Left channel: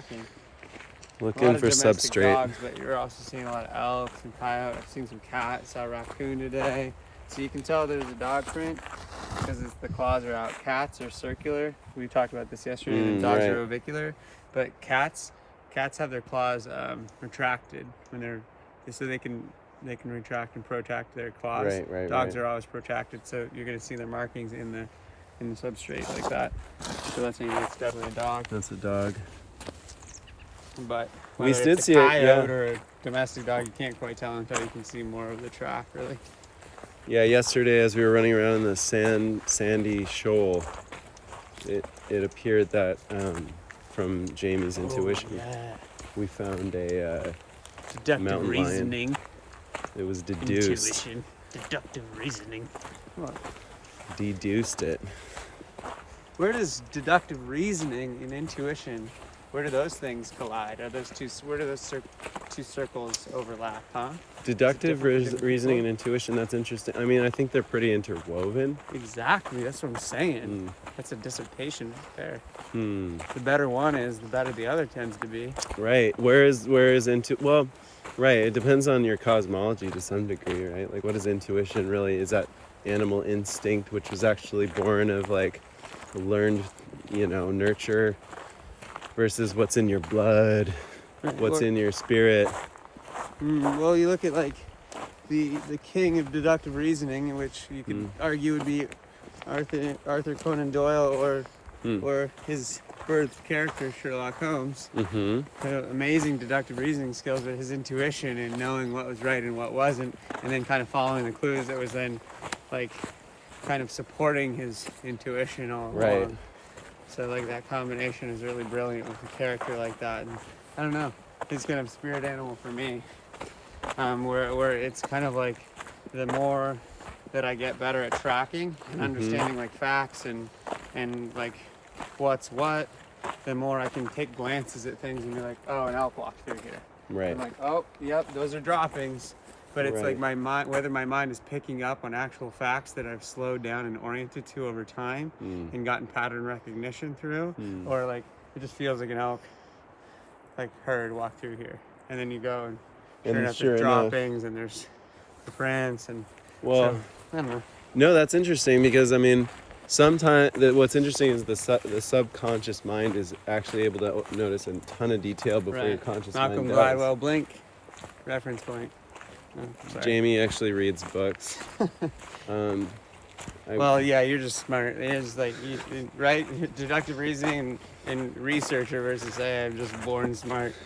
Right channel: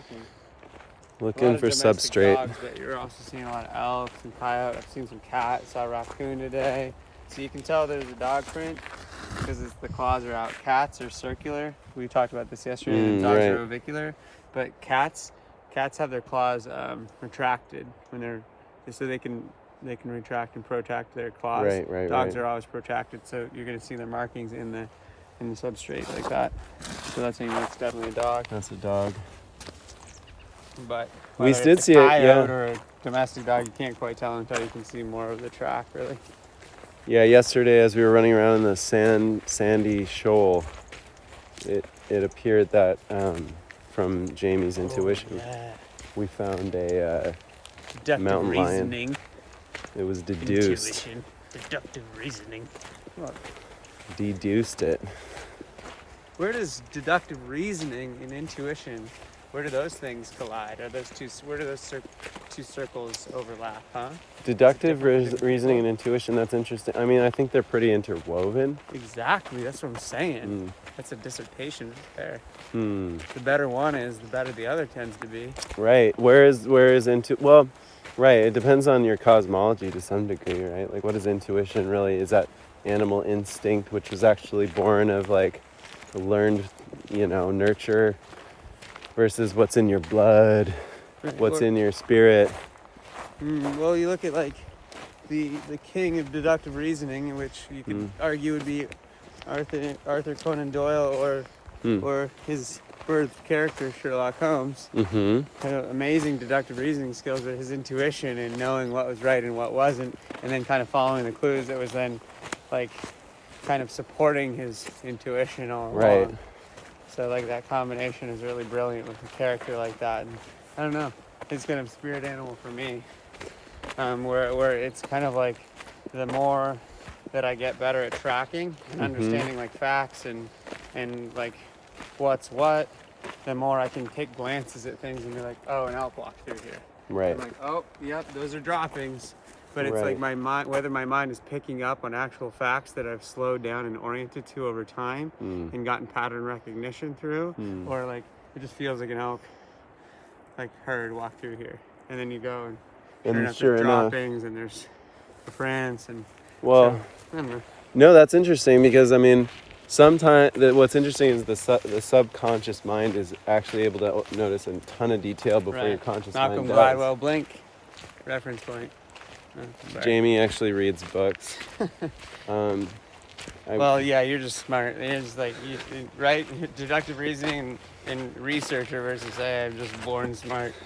tracking. Looking for substrate. Dogs, but you're also seeing a lot of elk and coyote. I've seen some cat. Saw a raccoon today. So you can tell there's a dog print because the claws are out. Cats are circular. We talked about this yesterday. And dogs are ovicular, but cats have their claws retracted when they're so they can retract and protract their claws. Dogs are always protracted, so you're going to see their markings in the substrate like that. So that's definitely a dog. That's a dog. But we did see a coyote or a domestic dog, you can't quite tell until you can see more of the track, really. Yeah, yesterday as we were running around in the sandy shoal, it appeared that from Jamie's intuition, we found a deductive reasoning. Lion. It was deduced. Intuition, deductive reasoning. What? Deduced it. Where does deductive reasoning and intuition? Where do those things collide? Where do those two circles overlap, huh? Deductive reasoning and intuition, that's interesting. I mean, I think they're pretty interwoven. Exactly, that's what I'm saying. That's a dissertation there. The better one is, the better the other tends to be. Right, it depends on your cosmology to some degree, right? Like, what is intuition really? Is that animal instinct, which was actually born of, like, learned, nurture, versus what's in your blood, what's in your spirit. Well, you look at like the king of deductive reasoning, which you could argue would be Arthur Conan Doyle or his birth character Sherlock Holmes. Amazing deductive reasoning skills, but his intuition and knowing what was right and what wasn't, and then kind of following the clues that was then like kind of supporting his intuition all along. So like that combination is really brilliant with a character like that, and I don't know, it's kind of a spirit animal for me. Where it's kind of like the more that I get better at tracking and understanding like facts and like what's what, the more I can take glances at things and be like, oh, an elk walked through here. Right. I'm like, oh, yep, those are droppings. But it's like my mind, whether my mind is picking up on actual facts that I've slowed down and oriented to over time and gotten pattern recognition through, or like it just feels like an elk, like herd walk through here, and then you go and sure enough there's droppings and there's the prints and so, I don't know. No, that's interesting because I mean, sometimes what's interesting is the subconscious mind is actually able to notice a ton of detail before your conscious mind does. Malcolm Gladwell, blink, reference point. Jamie actually reads books. Well, yeah, you're just smart. You're just like, right? Deductive reasoning and researcher versus, hey, I'm just born smart.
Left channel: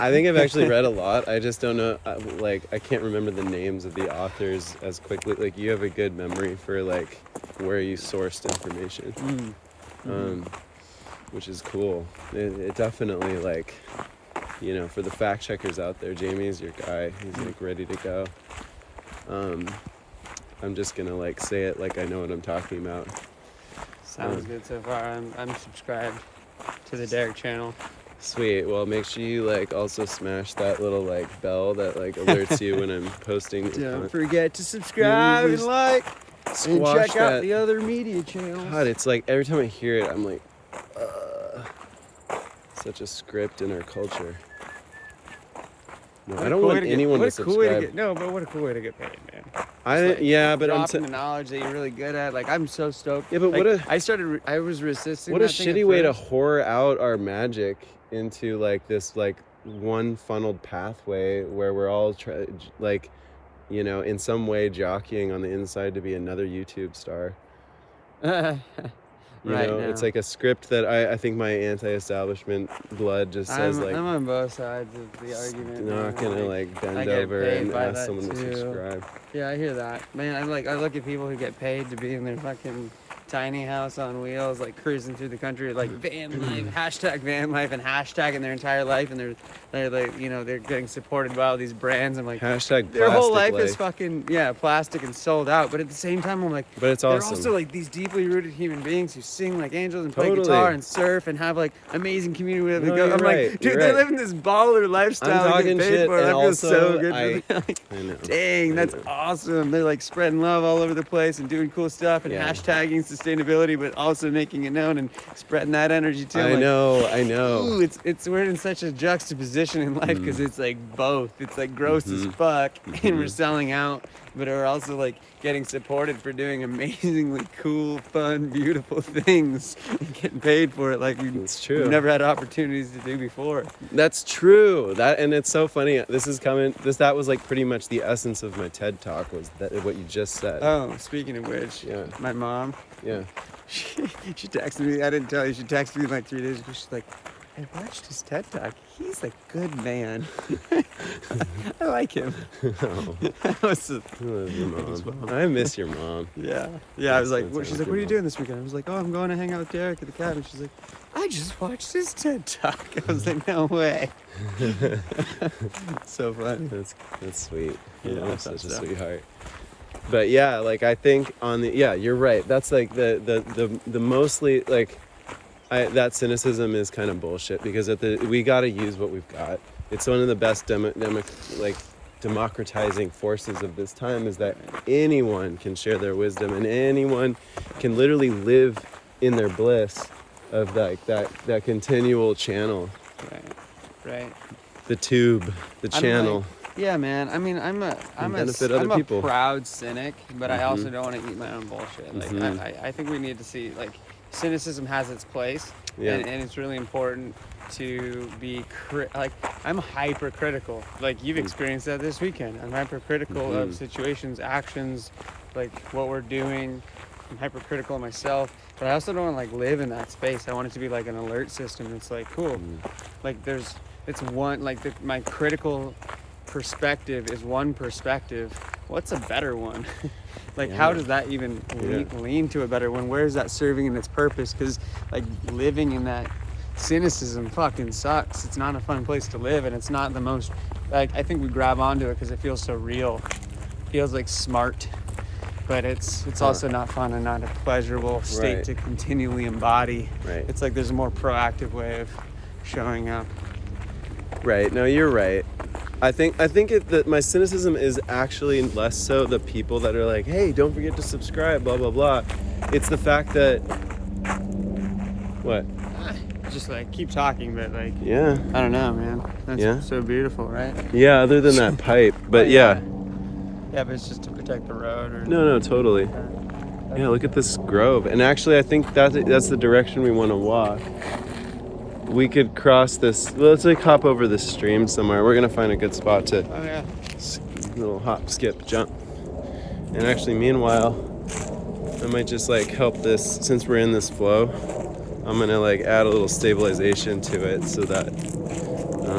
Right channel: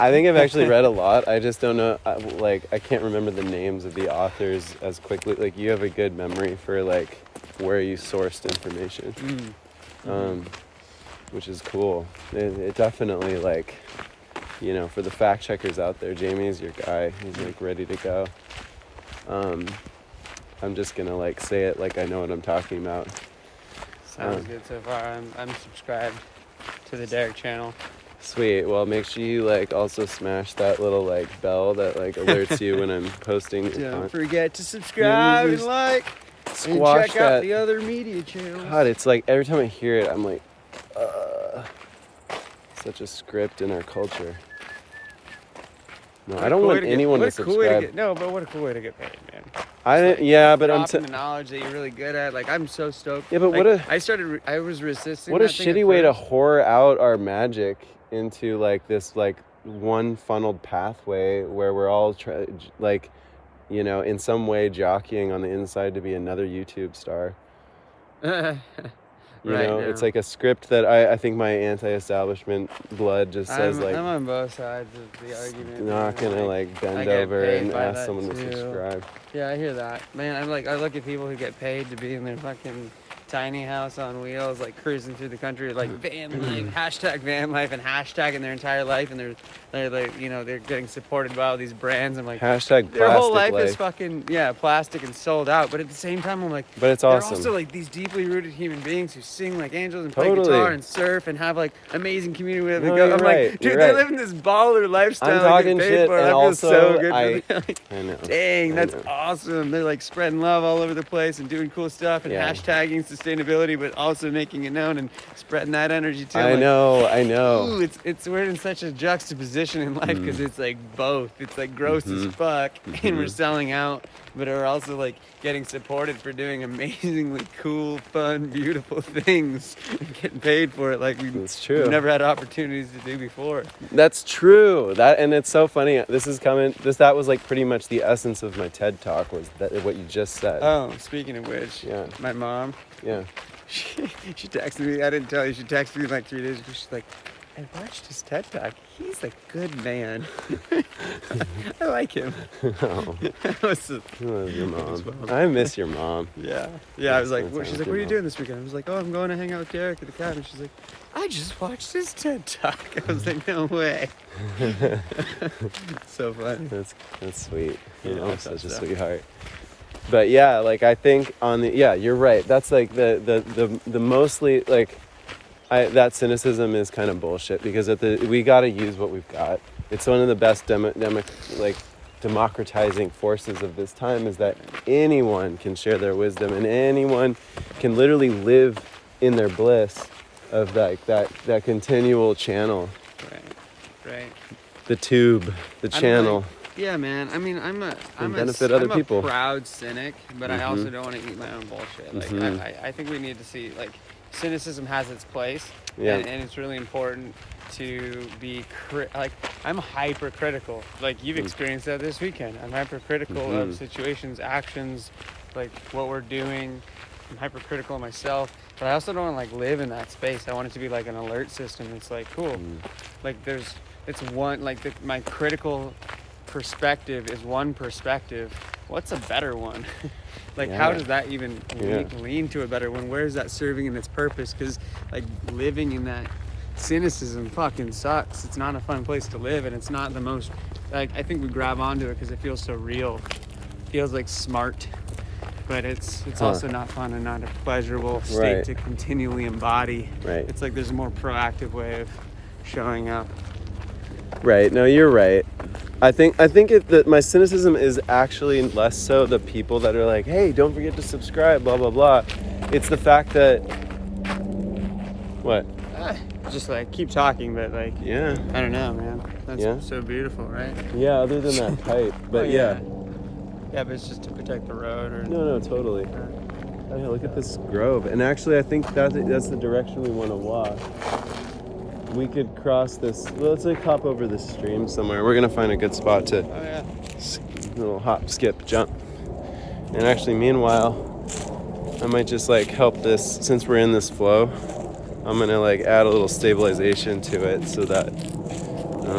I think I've actually read a lot. I just don't know, I can't remember the names of the authors as quickly. Like, you have a good memory for, like, where you sourced information, which is cool. It definitely, like, for the fact checkers out there, Jamie is your guy. He's like ready to go. I'm just gonna like say it like I know what I'm talking about. Sounds good so far. I'm subscribed to the Darrick channel. Sweet. Well, make sure you like also smash that little like bell that like alerts you when I'm posting. Don't forget to subscribe and like and check out the other media channels. God, it's like every time I hear it, I'm like, such a script in our culture. No, I don't want anyone to subscribe. But what a cool way to get paid, man. But I'm dropping the knowledge that you're really good at. Like, I'm so stoked. Yeah, but like, I was resisting. What a shitty way to whore out our magic into like this like one funneled pathway where we're all in some way jockeying on the inside to be another YouTube star. It's like a script that I think my anti-establishment blood just says I'm on both sides of the argument. You're not gonna bend over and ask someone to subscribe. Yeah, I hear that. Man, I look at people who get paid to be in their fucking tiny house on wheels, like cruising through the country, like van life, hashtag van life, and hashtagging their entire life, and they're like, they're getting supported by all these brands. I'm like, hashtag their whole life is fucking plastic and sold out. But at the same time, I'm like, but it's they're awesome. also like these deeply rooted human beings who sing like angels and play guitar and surf and have like amazing community with them. I'm like, dude, they're living this baller lifestyle. Getting paid for it. I feel so good for them. Like, dang, that's awesome. They're like spreading love all over the place and doing cool stuff and hashtagging sustainability, but also making it known and spreading that energy too. I know. Ooh, we're in such a juxtaposition in life because it's like both. It's like gross as fuck, and we're selling out, but we're also like getting supported for doing amazingly cool, fun, beautiful things and getting paid for it like we've never had opportunities to do before. That's true. And it's so funny. That was like pretty much the essence of my TED talk, was that what you just said. Oh, speaking of which, my mom, she texted me. I didn't tell you. She texted me like 3 days ago. She's like, I watched his TED talk. He's a good man. I like him. Oh. Your mom. I miss your mom. Yeah. I was like, she's like, what are you doing this weekend? I was like, oh, I'm going to hang out with Darrick at the cabin. She's like, I just watched his TED talk. I was like, no way. So funny. That's sweet. I'm such a sweetheart. But yeah, like I think you're right. That's like the mostly like that cynicism is kind of bullshit, because we got to use what we've got. It's one of the best democratizing forces of this time, is that anyone can share their wisdom and anyone can literally live in their bliss of like that continual Right. The tube, the channel. Yeah, man. I mean, I'm a proud cynic, but I also don't want to eat my own bullshit. Like, I think we need to see, like, cynicism has its place, and it's really important to be I'm hypercritical. Like, you've experienced that this weekend. I'm hypercritical of situations, actions, like what we're doing. I'm hypercritical of myself, but I also don't want to like live in that space. I want it to be like an alert system. It's like cool, like my critical perspective is one perspective. What's a better one? How does that even lean to a better one? Where is that serving in its purpose? Because like living in that cynicism fucking sucks. It's not a fun place to live, and it's not the most, like, I think we grab onto it because it feels so real. It feels like smart, but it's also not fun and not a pleasurable state to continually embody. It's like there's a more proactive way of showing up. Right. No, you're right. I think that my cynicism is actually less so the people that are like, hey, don't forget to subscribe, blah, blah, blah. It's the fact that... What? Just like keep talking, but like... Yeah. I don't know, man. It's so beautiful, right? Yeah, other than that pipe. But yeah, but it's just to protect the road or... No, totally. Yeah, look at this grove. And actually, I think that's the direction we want to walk. We could cross this. Let's like hop over this stream somewhere. We're gonna find a good spot to little hop, skip, jump. And actually, meanwhile, I might just like help this, since we're in this flow. I'm gonna like add a little stabilization to it so that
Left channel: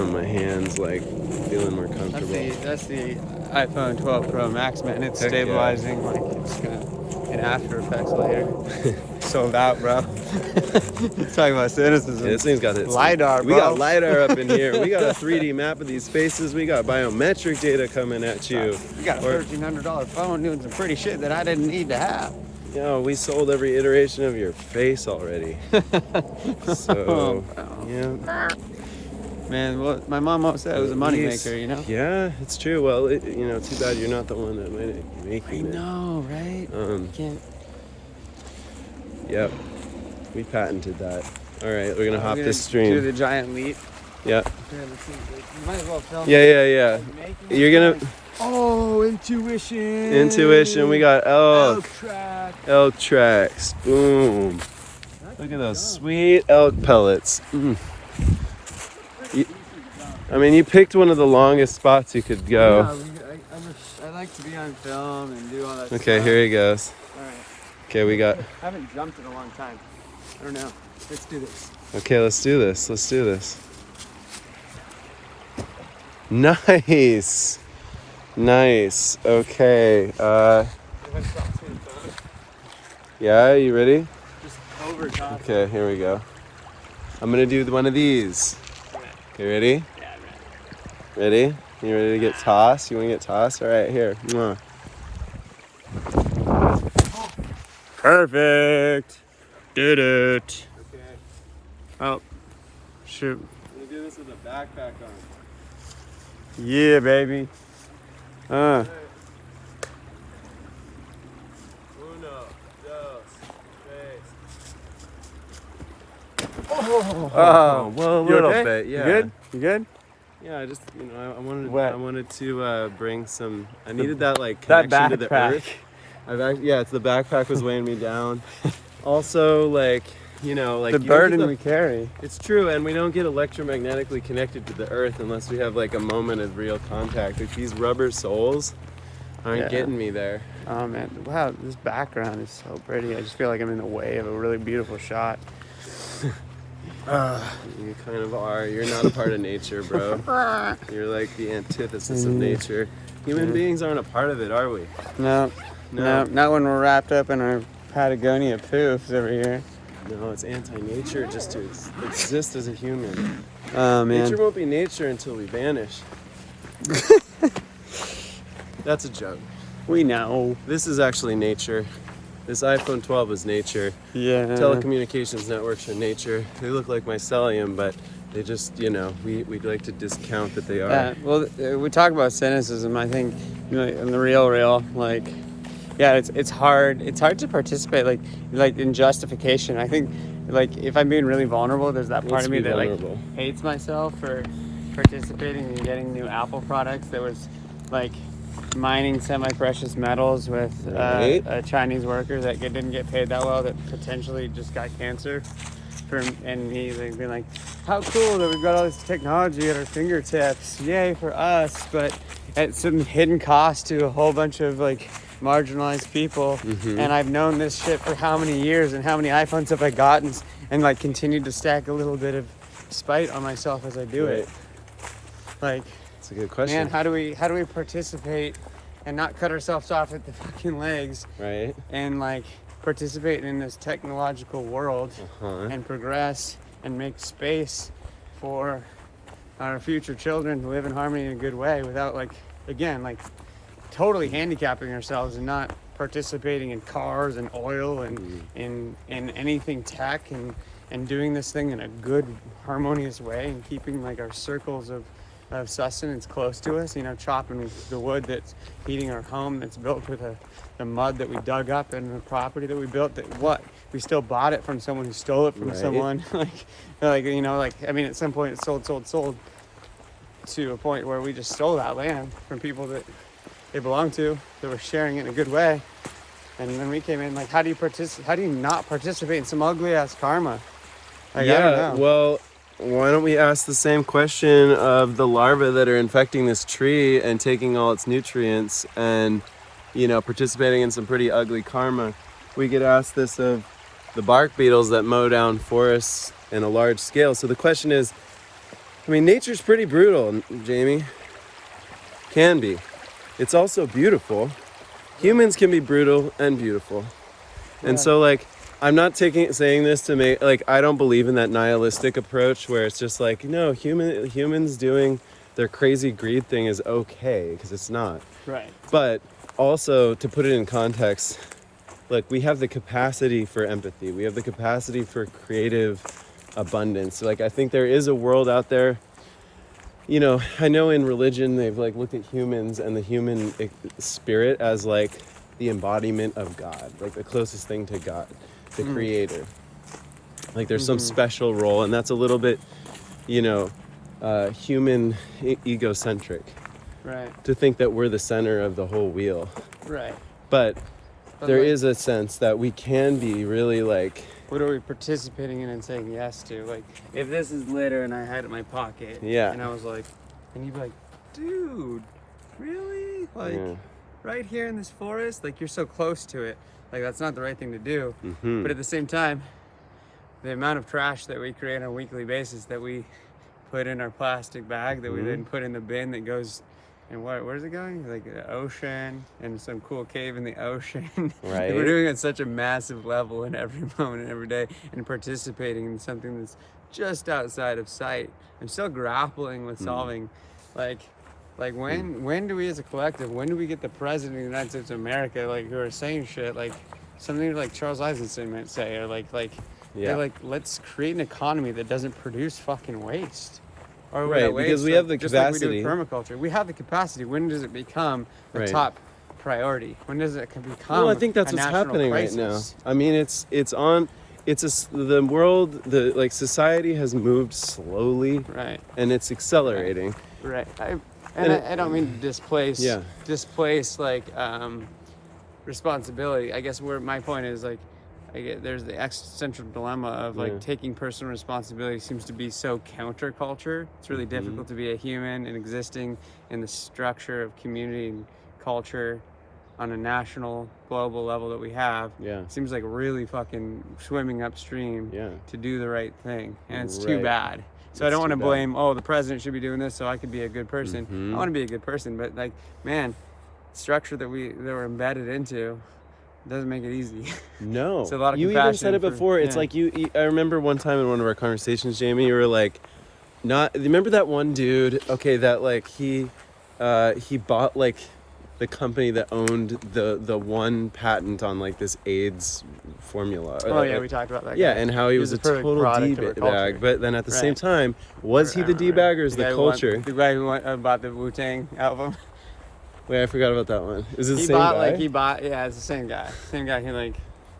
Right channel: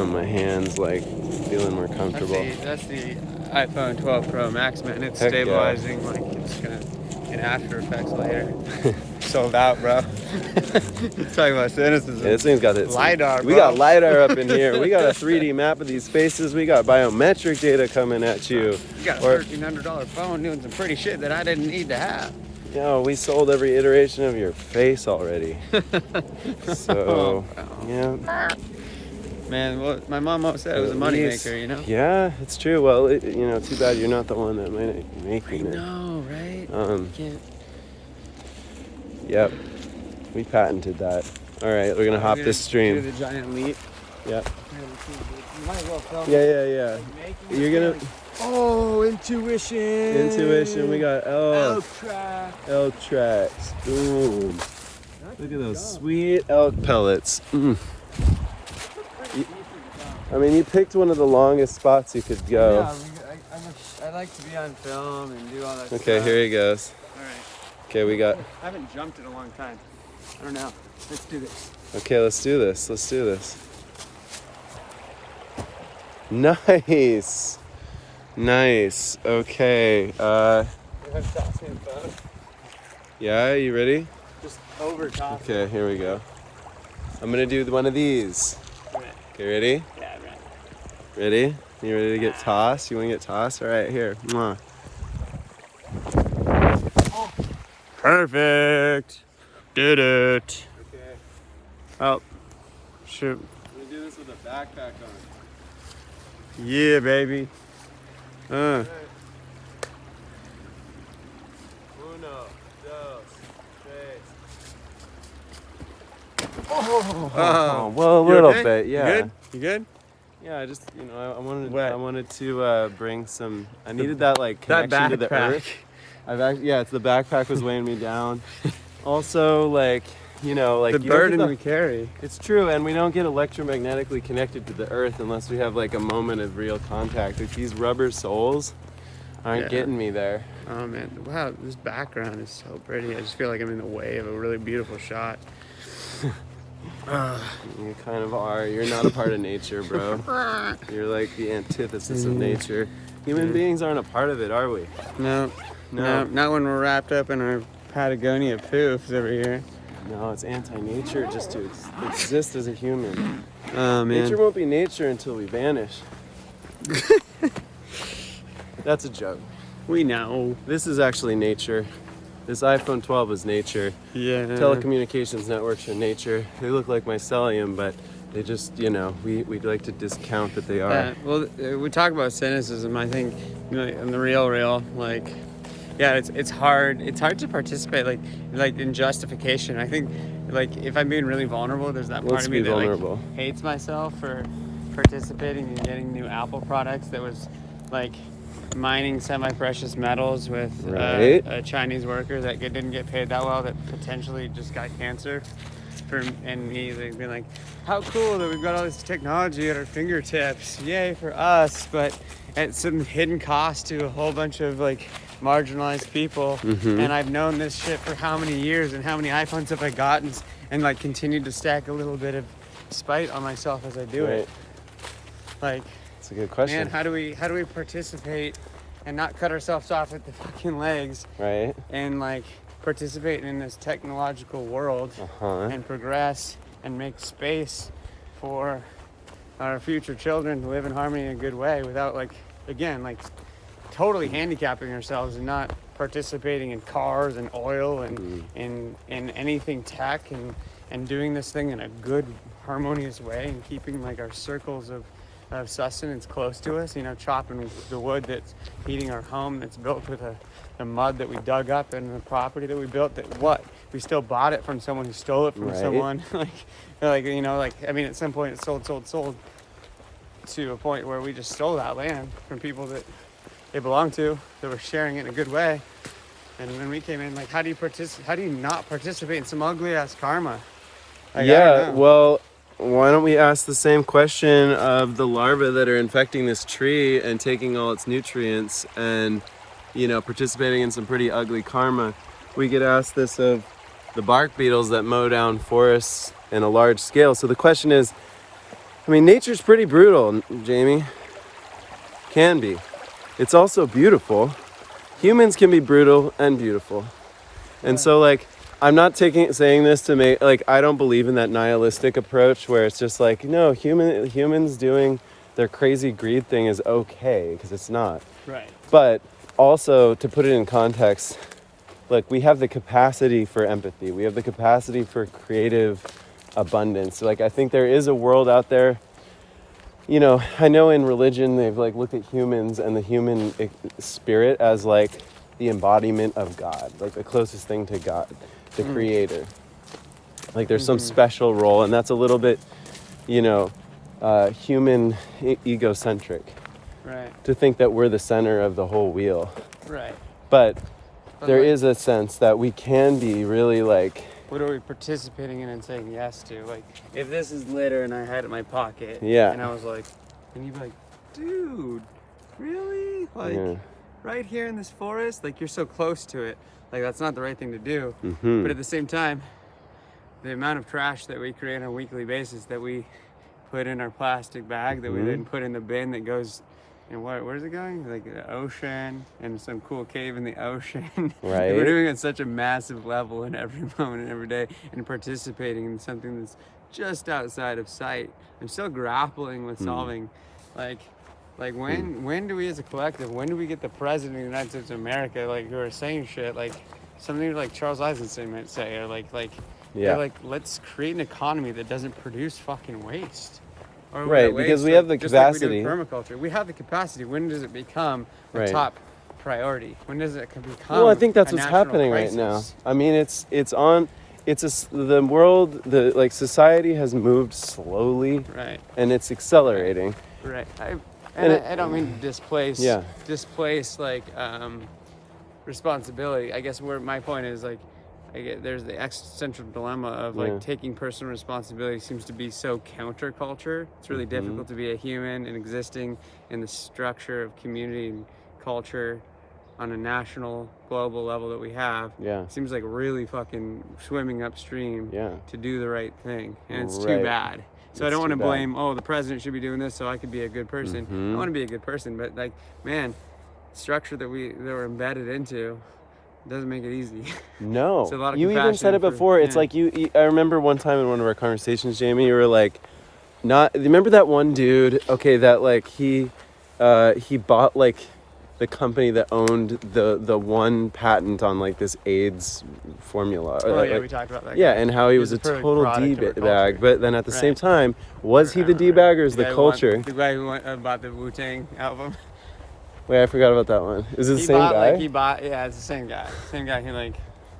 my hands like feeling more comfortable. That's the iPhone 12 Pro Max, man. It's stabilizing. Like it's gonna in After Effects later. Sold out, bro. Talking about cynicism. Yeah, this thing's got its LiDAR, bro. We got LiDAR up in here. We got a 3D map of these faces. We got biometric data coming at you. You got a $1,300 phone doing some pretty shit that I didn't need to have. No, we sold every iteration of your face already. So, yeah. Man, well, my mom always said it was a moneymaker, you know? Yeah, it's true. Well, too bad you're not the one that might be making it. I know, right? You can't... Yep. We patented that. All right, we're going to hop this stream. Do the giant leap. Yep. Yeah. You're going to... Oh, intuition. Intuition. We got elk. Elk tracks. Boom. Look at those sweet elk pellets. You picked one of the longest spots you could go. Yeah, I like to be on film and do all that stuff. Okay, here he goes. All right. Okay, we got... I haven't jumped in a long time. I don't know. Let's do this. Okay, let's do this. Nice. Okay. Yeah, you ready? Just over top. Okay, here we go. I'm gonna do one of these. You ready? Yeah, I'm ready. Ready? You ready to get tossed? You wanna get tossed? All right, here. Perfect. Did it. Okay. Oh, shoot. I'm gonna do this with a backpack on. Yeah, baby. Right. Uno, dos, tres. Oh, well, a you little okay? bit, yeah. You good? You good? Yeah, I just, you know, What? I wanted to bring some. I needed that like That connection to the backpack. earth. Yeah, it's the backpack was weighing me down. Also, like, you know, like The you don't get burden we carry. It's true, and we don't get electromagnetically connected to the earth unless we have like a moment of real contact. Like these rubber soles aren't getting me there. Oh man, wow, this background is so pretty. I just feel like I'm in the way of a really beautiful shot. You kind of are. You're not a part of nature, bro. You're like the antithesis of nature. Human beings aren't a part of it, are we? No, not when we're wrapped up in our Patagonia poofs over here. No, it's anti-nature just to exist as a human. Oh man. Nature won't be nature until we vanish. That's a joke. We know. This is actually nature. This iPhone 12 is nature. Yeah. Telecommunications networks are nature. They look like mycelium, but they just, you know, we'd like to discount that they are. Yeah. Well, we talk about cynicism. I think, you know, in the real, like, yeah, it's hard. It's hard to participate, like in justification. I think, like, if I'm being really vulnerable, there's that part of me that like hates myself for participating in getting new Apple products that was like mining semi-precious metals with a Chinese worker that didn't get paid that well, that potentially just got cancer. And me being like, how cool that we've got all this technology at our fingertips, yay for us, but at some hidden cost to a whole bunch of like marginalized people. And I've known this shit for how many years, and how many iPhones have I gotten, and like continued to stack a little bit of spite on myself as I do it. Like, it's a good question. Man, how do we participate and not cut ourselves off at the fucking legs? Right. And like participate in this technological world and progress and make space for our future children to live in harmony in a good way without like, again, like totally handicapping ourselves and not participating in cars and oil and in anything tech and doing this thing in a good harmonious way and keeping like our circles of sustenance close to us, you know, chopping the wood that's heating our home, that's built with the mud that we dug up and the property that we built, that we still bought it from someone who stole it from someone. like you know, like, I mean, at some point it sold to a point where we just stole that land from people that they belong to, that were sharing it in a good way. And then we came in like, how do you not participate in some ugly ass karma? Like, I don't know. Well, why don't we ask the same question of the larvae that are infecting this tree and taking all its nutrients and, you know, participating in some pretty ugly karma? We could ask this of the bark beetles that mow down forests in a large scale. So the question is, I mean, nature's pretty brutal, Jamie. Can be. It's also beautiful. Humans can be brutal and beautiful. And so, like, I'm not saying this to make, like, I don't believe in that nihilistic approach where it's just like, no, humans doing their crazy greed thing is okay, because it's not. Right. But also, to put it in context, like, we have the capacity for empathy. We have the capacity for creative abundance. Like, I think there is a world out there. You know, I know in religion they've like looked at humans and the human spirit as like the embodiment of God, like the closest thing to God, the creator. Like there's some special role, and that's a little bit, you know, human egocentric. Right. To think that we're the center of the whole wheel. Right. But there is a sense that we can be really like, what are we participating in and saying yes to? Like, if this is litter and I had it in my pocket, and I was like, and you'd be like, dude, really? Like, right here in this forest? Like, you're so close to it. Like, that's not the right thing to do. But at the same time, the amount of trash that we create on a weekly basis that we put in our plastic bag that we then put in the bin that goes, and where's it going? Like the ocean, and some cool cave in the ocean. Right. We're doing it at such a massive level in every moment and every day, and participating in something that's just outside of sight. I'm still grappling with solving, like when do we as a collective, when do we get the president of the United States of America, like, who are saying shit like something like Charles Eisenstein might say, or like let's create an economy that doesn't produce fucking waste. Or right, because we have the just capacity. Like we do with permaculture. We have the capacity. When does it become a top priority? When does it become well, I think that's a what's national happening crisis? right now. I mean, it's on, the world, like society has moved slowly, Right. and it's accelerating. Right. I don't mean to displace like responsibility. I guess where my point is like, there's the existential dilemma of like taking personal responsibility seems to be so counterculture. It's really difficult to be a human and existing in the structure of community and culture on a national, global level that we have. It seems like really fucking swimming upstream to do the right thing, and it's too bad. So I don't want to blame, the president should be doing this so I could be a good person. I want to be a good person, but like, man, structure that we're embedded into doesn't make it easy. No. It's a lot of you even said it before. It's like I remember one time in one of our conversations, Jamie, you were like, remember that one dude, that like he bought like the company that owned the one patent on like this AIDS formula. We talked about that. Yeah, and how he was a total D-bag, but then at the same time, was he the D-bag or is the culture? The guy who bought the Wu-Tang album. Wait, I forgot about that one. Is it the same guy? It's the same guy. Same guy who like.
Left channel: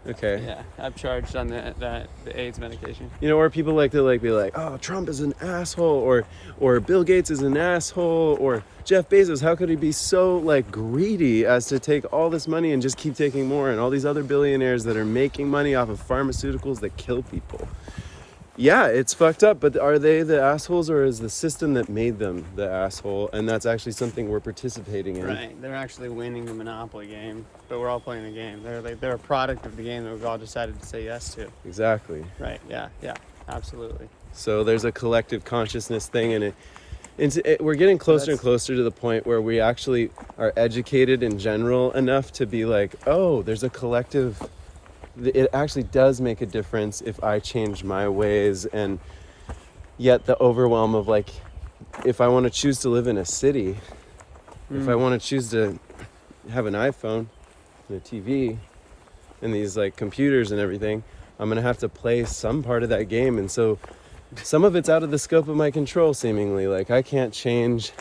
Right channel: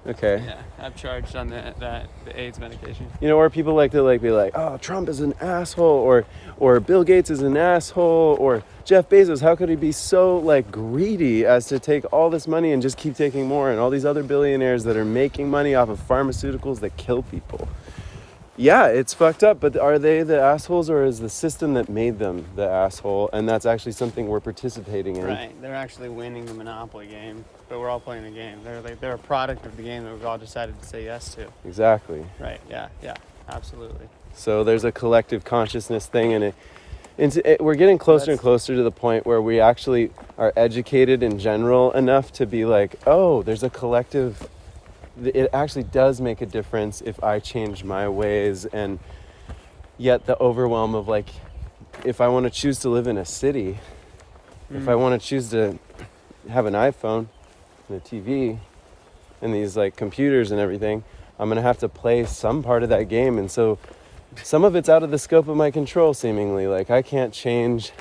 Okay. Yeah, I've charged on the AIDS medication. Or people like to be like, oh, Trump is an asshole, or Bill Gates is an asshole, or Jeff Bezos, how could he be so like greedy as to take all this money and just keep taking more, and all these other billionaires that are making money off of pharmaceuticals that kill people. Yeah, it's fucked up, but are they the assholes, or is the system that made them the asshole, and that's actually something we're participating in? Right, they're actually winning the Monopoly game, but we're all playing the game. They're a product of the game that we've all decided to say yes to. Exactly. Right, yeah, absolutely. So there's a collective consciousness thing, and we're getting closer and closer to the point where we actually are educated in general enough to be like, oh, there's a collective. It actually does make a difference if I change my ways, and yet the overwhelm of like, if I want to choose to live in a city, if I want to choose to have an iPhone and a TV and these like computers and everything, I'm going to have to play some part of that game. And so some of it's out of the scope of my control, seemingly. Like I can't change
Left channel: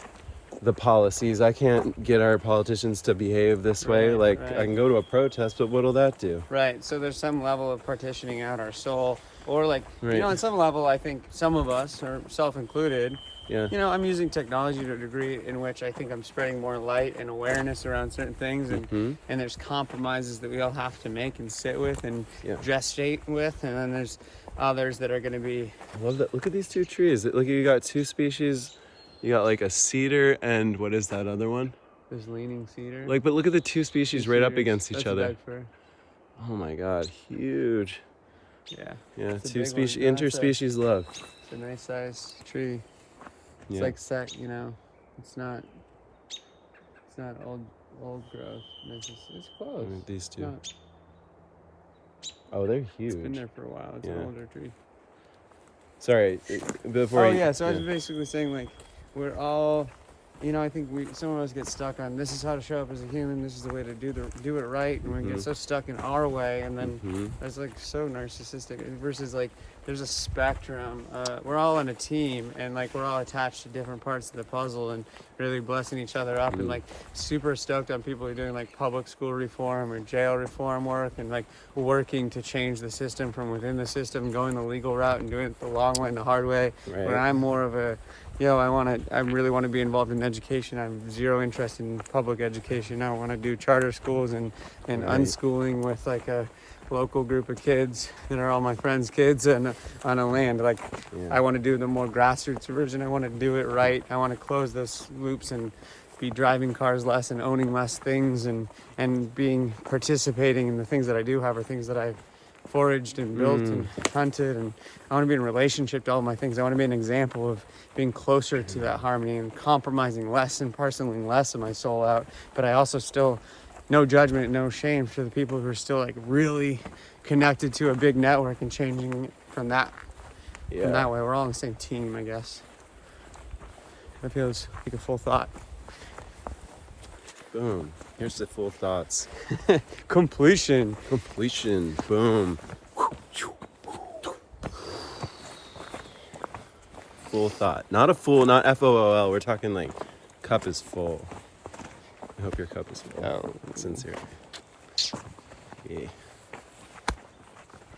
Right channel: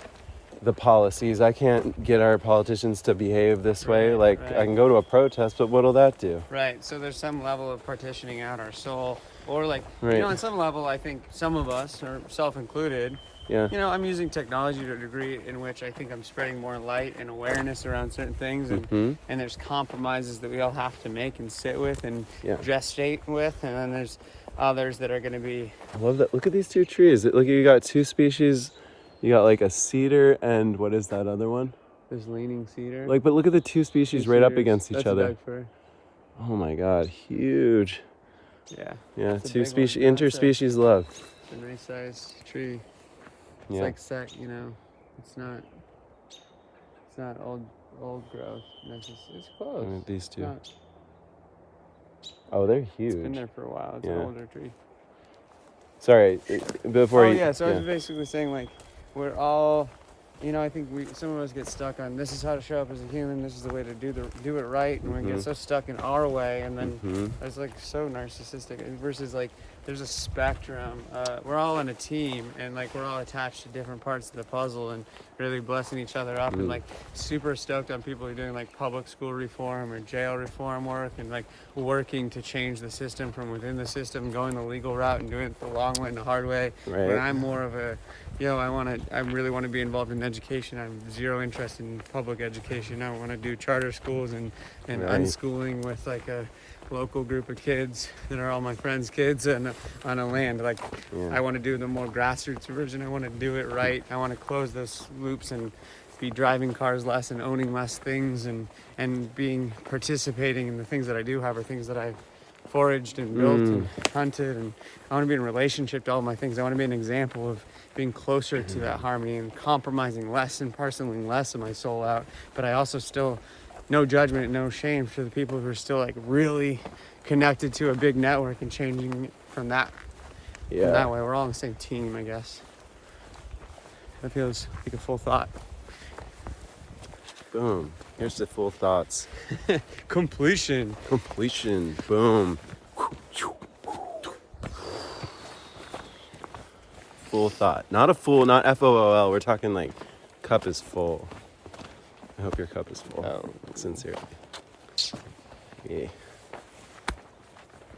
the policies. I can't get our politicians to behave this way. Like I can go to a protest, but what'll that do? Right. So there's some level of partitioning out our soul, or like, on some level, I think some of us, or self-included, I'm using technology to a degree in which I think I'm spreading more light and awareness around certain things, and there's compromises that we all have to make and sit with and gestate with, and then there's others that are going to be. I love that. Look at these two trees. Look, you got two species. You got like a cedar and what is that other one? There's leaning cedar. Like, but look at the two species right up against each other. Doug fir. Oh my God, huge. Yeah. Yeah, two species, interspecies love. It's a nice sized tree. It's like set, it's not old growth. It's close. These two. Oh, they're huge. It's been there for a while. It's an older tree. Sorry, before. I was basically saying like, we're all, I think some of us get stuck on this is how to show up as a human. This is the way to do it right, and we get so stuck in our way, and then it's like so narcissistic. Versus like, there's a spectrum. We're all in a team, and like we're all attached to different parts of the puzzle, and really blessing each other up, and like super stoked on people who are doing like public school reform or jail reform work, and like working to change the system from within the system, going the legal route and doing it the long way and the hard way. Right. But I'm more of a I really want to be involved in education. I'm zero interest in public education. I want to do charter schools and unschooling with like a local group of kids that are all my friends' kids and on a land. Like I want to do the more grassroots version. I want to do it right. I want to close those loops and be driving cars less and owning less things and participating in the things that I do have, or things that I've foraged and built and hunted. And I want to be in relationship to all my things. I want to be an example of being closer to that harmony and compromising less and parceling less of my soul out. But I also still, no judgment, no shame for the people who are still like really connected to a big network and changing it from that. From that way. We're all on the same team, I guess. That feels like a full thought. Boom. Here's the full thoughts. Completion. Boom. Full thought. Not FOOL. We're talking like cup is full. I hope your cup is full. Oh. Sincere. Yeah.